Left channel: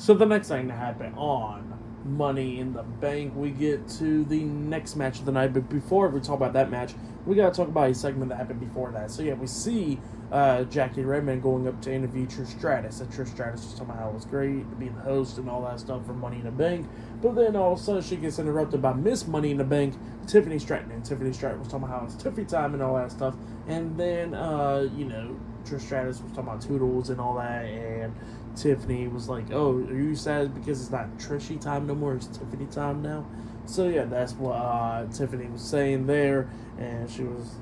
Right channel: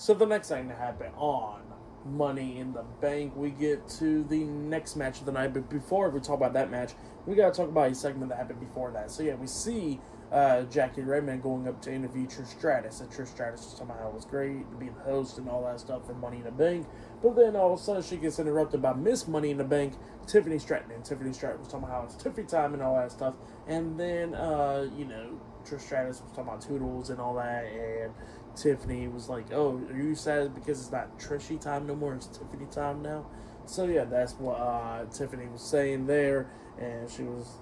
So the next thing to happen on Money in the Bank, we get to the next match of the night. But before we talk about that match, we got to talk about a segment that happened before that. So yeah, we see Jackie Redman going up to interview Trish Stratus. And Trish Stratus was talking about how it was great to be the host and all that stuff for Money in the Bank. But then all of a sudden she gets interrupted by Miss Money in the Bank, Tiffany Stratton. And Tiffany Stratton was talking about how it's Tiffy time and all that stuff. And then, Trish Stratus was talking about Toodles and all that. And Tiffany was like, oh, are you sad because it's not Trishy time no more, it's Tiffany time now? So yeah, that's what Tiffany was saying there, and she was,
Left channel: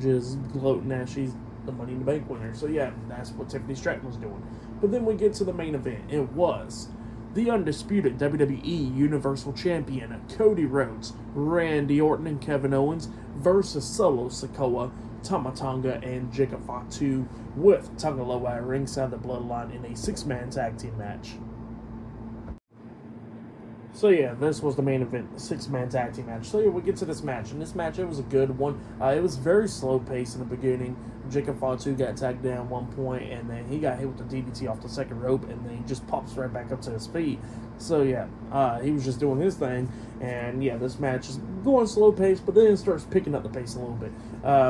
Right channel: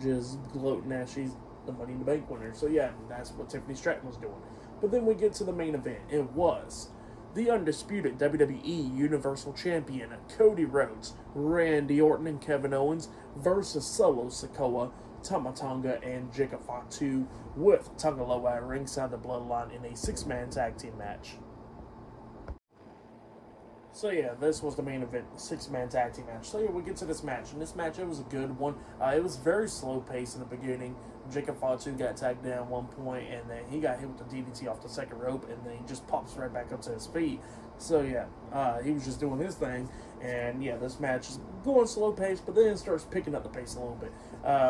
just gloating that she's the Money in the Bank winner. So yeah, that's what Tiffany Stratton was doing. But then we get to the main event. It was the undisputed WWE Universal Champion Cody Rhodes, Randy Orton, and Kevin Owens versus Solo Sikoa, Tonga, and Jacob Fatu, with Tonga at ringside of the Bloodline in a 6-man tag team match. So yeah, this was the main event, the 6-man tag team match. So yeah, we get to this match, and this match, it was a good one. It was very slow paced in the beginning. Jacob Fatu got tagged down at one point, and then he got hit with the DDT off the second rope, and then he just pops right back up to his feet. So yeah, he was just doing his thing, and yeah, this match is going slow paced, but then it starts picking up the pace a little bit.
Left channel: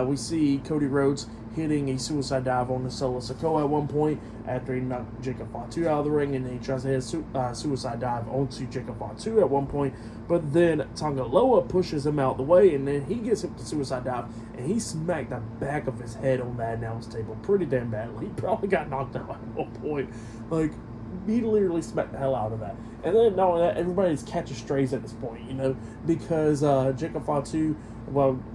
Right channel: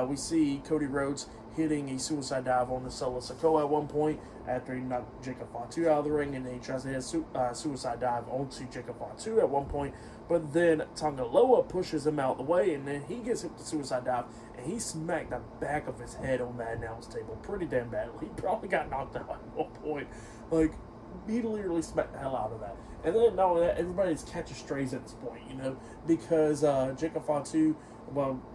We see Cody Rhodes hitting a suicide dive on the Solo Sikoa at one point after he knocked Jacob Fatu out of the ring, and then he tries to hit a suicide dive onto Jacob Fatu at one point, but then Tonga pushes him out the way, and then he gets hit with the suicide dive, and he smacked the back of his head on that announce table pretty damn badly. He probably got knocked out at one point. Like, he literally smacked the hell out of that. And then, not only that, everybody's catching strays at this point, because Jacob Fatu,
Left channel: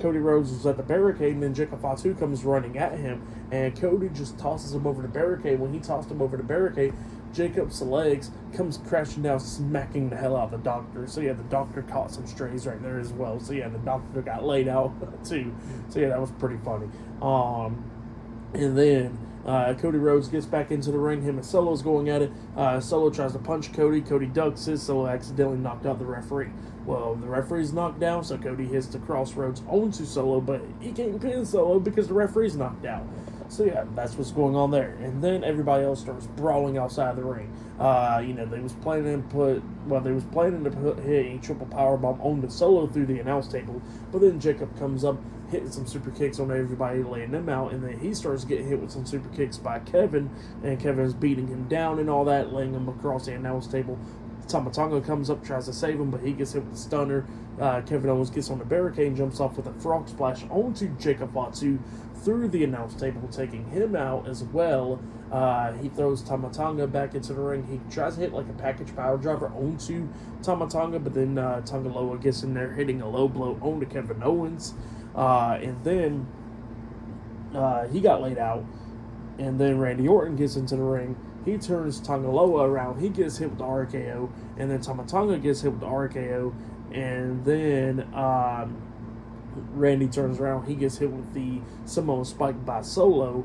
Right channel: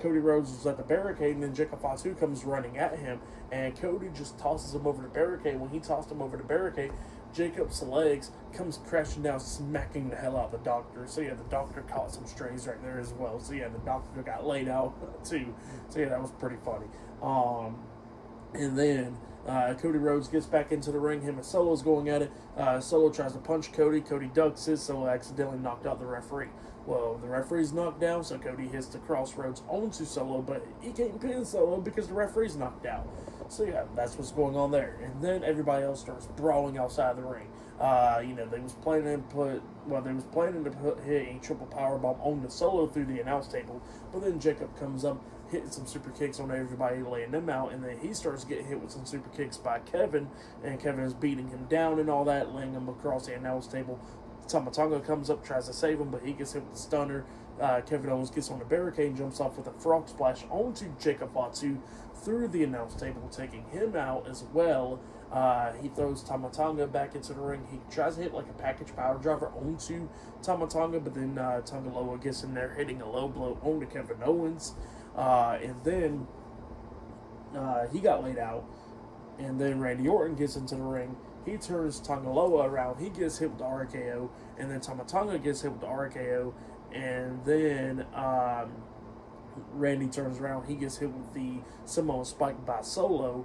Cody Rhodes was at the barricade, and then Jacob Fatu comes running at him, and Cody just tosses him over the barricade. When he tossed him over the barricade, Jacob's legs comes crashing down, smacking the hell out of the doctor. So yeah, the doctor caught some strays right there as well. So yeah, the doctor got laid out too. So yeah, that was pretty funny. And then Cody Rhodes gets back into the ring. Him and Solo's going at it. Solo tries to punch Cody. Cody ducks it. Solo accidentally knocked out the referee. Well, the referee's knocked down, so Cody hits the crossroads onto Solo, but he can't pin Solo because the referee's knocked out. So yeah, that's what's going on there. And then everybody else starts brawling outside the ring. They was planning to hit a triple powerbomb on the Solo through the announce table, but then Jacob comes up, hitting some super kicks on everybody, laying them out, and then he starts getting hit with some super kicks by Kevin, and Kevin's beating him down and all that, laying him across the announce table. Tonga comes up, tries to save him, but he gets hit with a stunner. Kevin Owens gets on the barricade and jumps off with a frog splash onto Jacob Fatu through the announce table, taking him out as well. He throws Tonga back into the ring. He tries to hit like a package power driver onto Tonga, but then Tonga gets in there, hitting a low blow onto Kevin Owens. And then he got laid out. And then Randy Orton gets into the ring. He turns Tonga around. He gets hit with the RKO. And then Tonga gets hit with the RKO. And then Randy turns around. He gets hit with the Samoan Spike by Solo.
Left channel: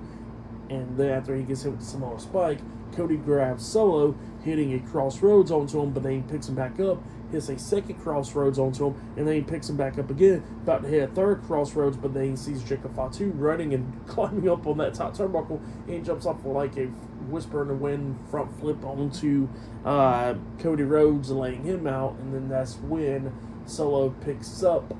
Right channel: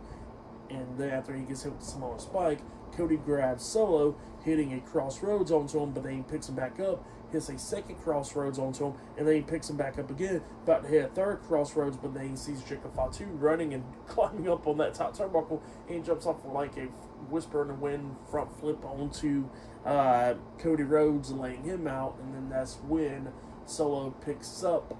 And then after he gets hit with the Samoan Spike, Cody grabs Solo, hitting a crossroads onto him, but then he picks him back up, hits a second crossroads onto him, and then he picks him back up again, about to hit a third crossroads, but then he sees Jacob Fatu running and climbing up on that top turnbuckle, and he jumps off like a whisper in the wind front flip onto Cody Rhodes, laying him out, and then that's when Solo picks up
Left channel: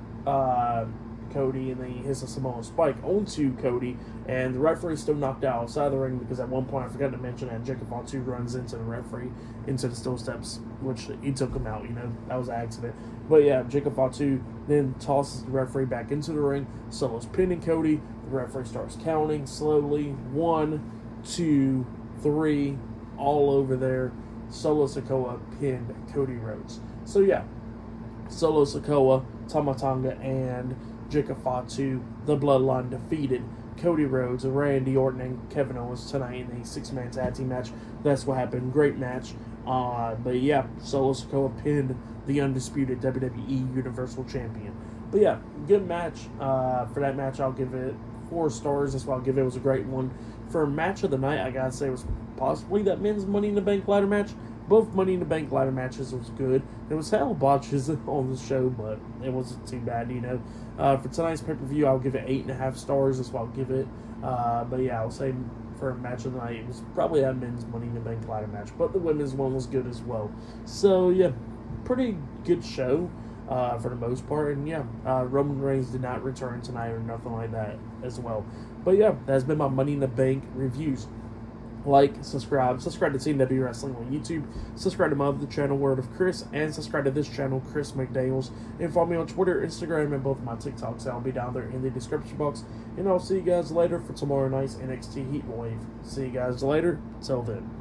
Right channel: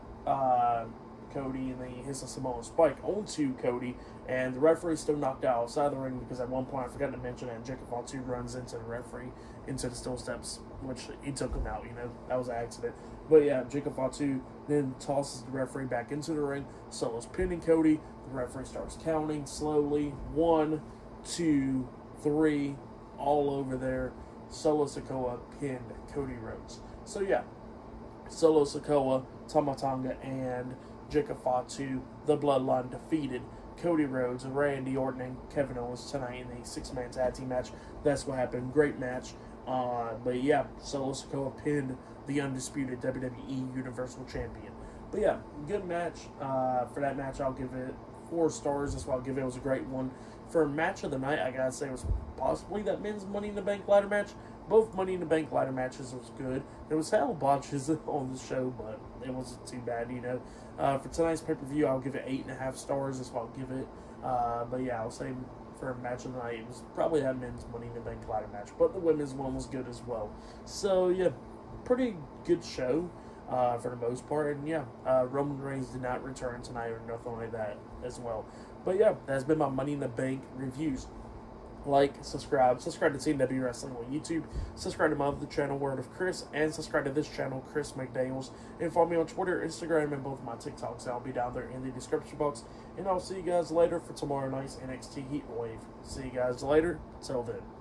Cody, and then he hits a Samoan Spike onto Cody, and the referee's still knocked out outside the ring because at one point I forgot to mention that Jacob Fatu runs into the referee into the steel steps, which he took him out. That was an accident. But yeah, Jacob Fatu then tosses the referee back into the ring. Solo's pinning Cody. The referee starts counting slowly. 1, 2, 3, all over there. Solo Sikoa pinned Cody Rhodes. So yeah, Solo Sikoa, Tonga, and Jacob Fatu, the Bloodline, defeated Cody Rhodes, Randy Orton, and Kevin Owens tonight in a 6-man tag team match. That's what happened. Great match. But yeah, Solo Sikoa pinned the undisputed WWE Universal Champion. But yeah, good match. For that match, I'll give it 4 stars. That's why I'll give it. It was a great one. For match of the night, I gotta say it was possibly that men's Money in the Bank ladder match. Both Money in the Bank ladder matches was good. There was hell botches on the show, but it wasn't too bad, For tonight's pay-per-view, I'll give it 8.5 stars. That's what I'll give it. But yeah, I'll say for a match of the night. It was probably that men's Money in the Bank ladder match, but the women's one was good as well. So, yeah, pretty good show for the most part. And, yeah, Roman Reigns did not return tonight or nothing like that as well. But, yeah, that's been my Money in the Bank reviews. Like, subscribe to TNW Wrestling on YouTube, subscribe to my other channel, Word of Chris, and subscribe to this channel, Chris McDaniels, and follow me on Twitter, Instagram, and both of my TikToks. I'll be down there in the description box, and I'll see you guys later for tomorrow night's NXT Heat Wave. See you guys later. Till then.